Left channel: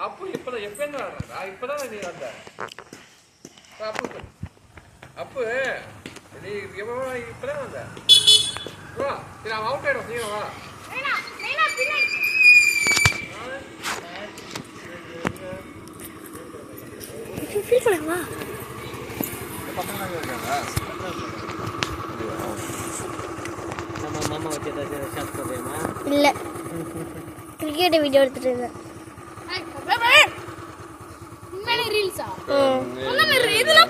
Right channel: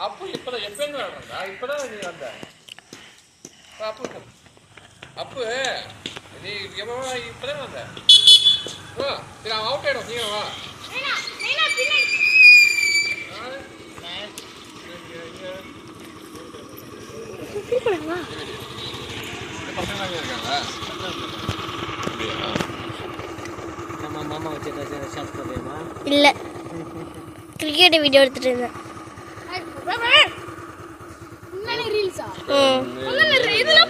அப்பு இப்பதான் எப்பங்க இப்பதான் நீ வந்த அப்பு நீ இப்பதான் வந்த சரி அவன் அவுட் ஆயிடும் நீங்க வா பசங்க இருக்காங்க மாமா வச்சு ஏதாச்சும் ஷாட் பண்ணுறியம்மா இல்லை கிரிக்கெட் வீடியோ எடுத்துட்டு இருந்தேன் ரீல்ஸா